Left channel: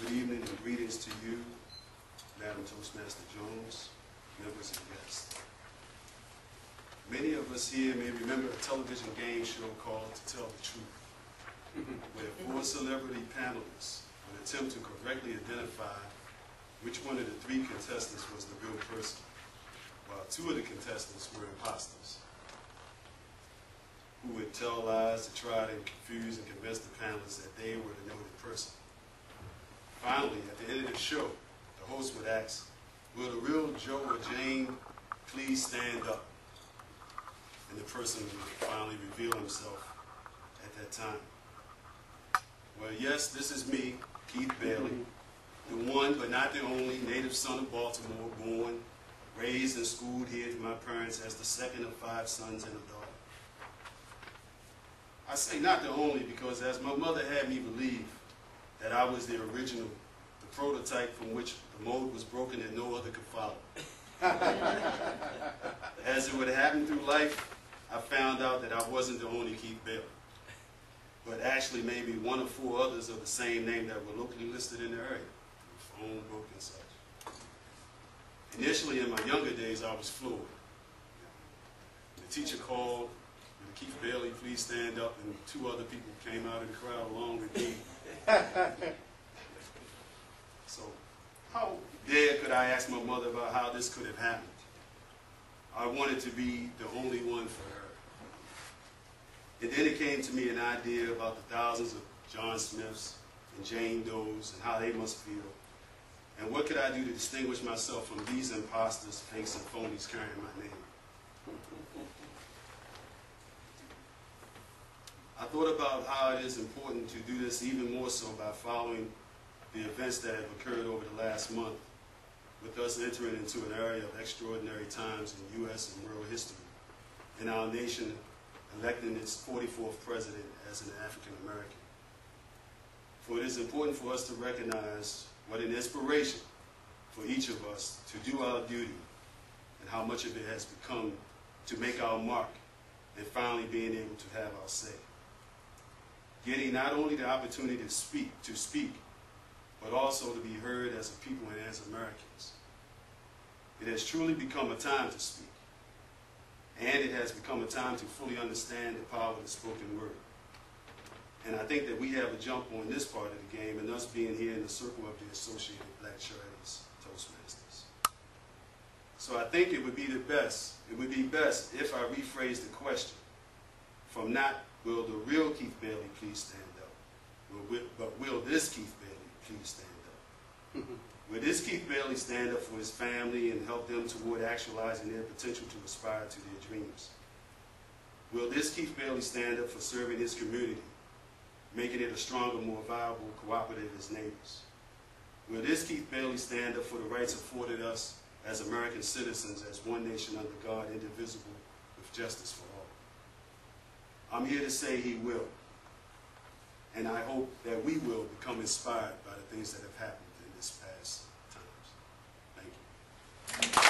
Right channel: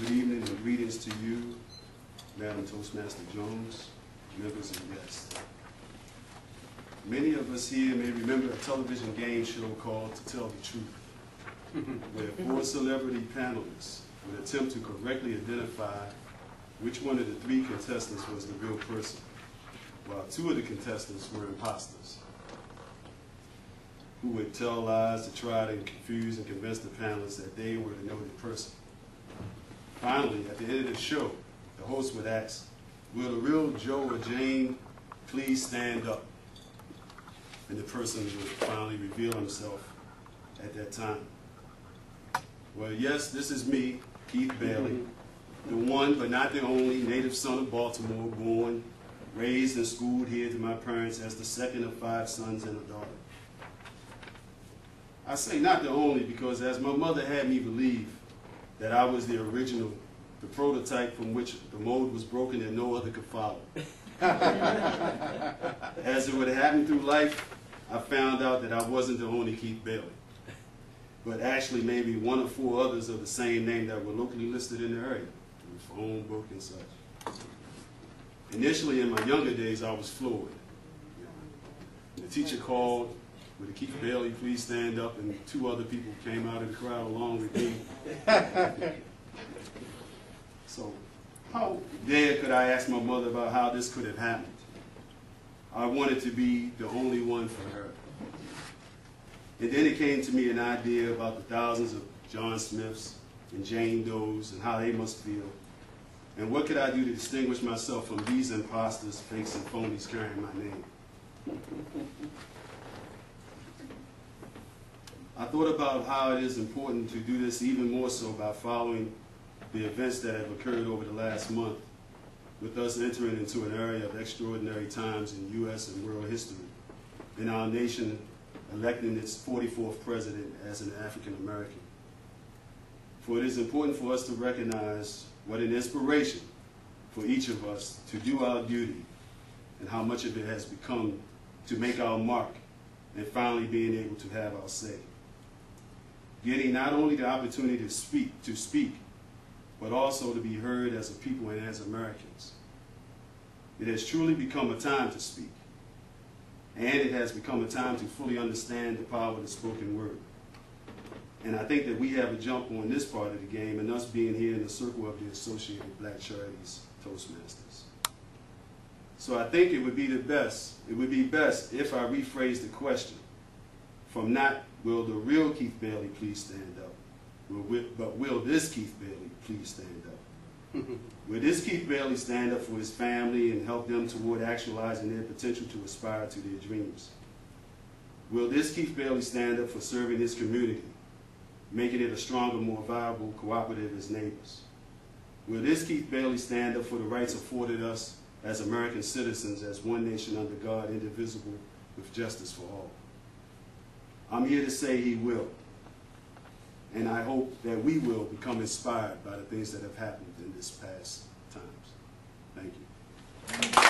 Good evening and greetings to you, Madam Toastmaster Jones, members and guests. Many of us here may remember a television game show called To Tell the Truth, where 4 celebrity panelists would attempt to correctly identify which one of the 3 contestants was the real person, while 2 of the contestants were imposters, who would tell lies to try to confuse and convince the panelists that they were the noted person. Finally, at the end of the show, the host would ask, "Will the real Joe or Jane please stand up?" And the person would finally reveal himself at that time. Well, yes, this is me, Keith Bailey, the one but not the only native son of Baltimore, born, raised, and schooled here to my parents as the second of 5 sons and a daughter. I say not the only because as my mother had me believe that I was the original, the prototype from which the mold was broken and no other could follow. As it would happen through life, I found out that I wasn't the only Keith Bailey, but actually maybe 1 or 4 others of the same name that were locally listed in the area, through phone book and such. Initially, in my younger days, I was fluid. The teacher called, "Would Keith Bailey please stand up?" and 2 other people came out of the crowd along with me. So how dare could I ask my mother about how this could have happened? I wanted to be the only one for her. And then it came to me an idea about the thousands of John Smiths and Jane Does and how they must feel. And what could I do to distinguish myself from these imposters, fakes, and phonies carrying my name? I thought about how it is important to do this even more so by following the events that have occurred over the last month, with us entering into an area of extraordinary times in U.S. and world history, and our nation electing its 44th president as an African American. For it is important for us to recognize what an inspiration for each of us to do our duty and how much of it has become to make our mark and finally being able to have our say. Getting not only the opportunity to speak, but also to be heard as a people and as Americans. It has truly become a time to speak, and it has become a time to fully understand the power of the spoken word. And I think that we have a jump on this part of the game, and us being here in the circle of the Associated Black Charities Toastmasters. So I think it would be best if I rephrase the question from not, "Will the real Keith Bailey please stand up?" but "Will this Keith Bailey please stand up?" Will this Keith Bailey stand up for his family and help them toward actualizing their potential to aspire to their dreams? Will this Keith Bailey stand up for serving his community, making it a stronger, more viable cooperative as neighbors? Will this Keith Bailey stand up for the rights afforded us as American citizens, as one nation under God, indivisible, with justice for all? I'm here to say he will. And I hope that we will become inspired by the things that have happened in this past times. Thank you.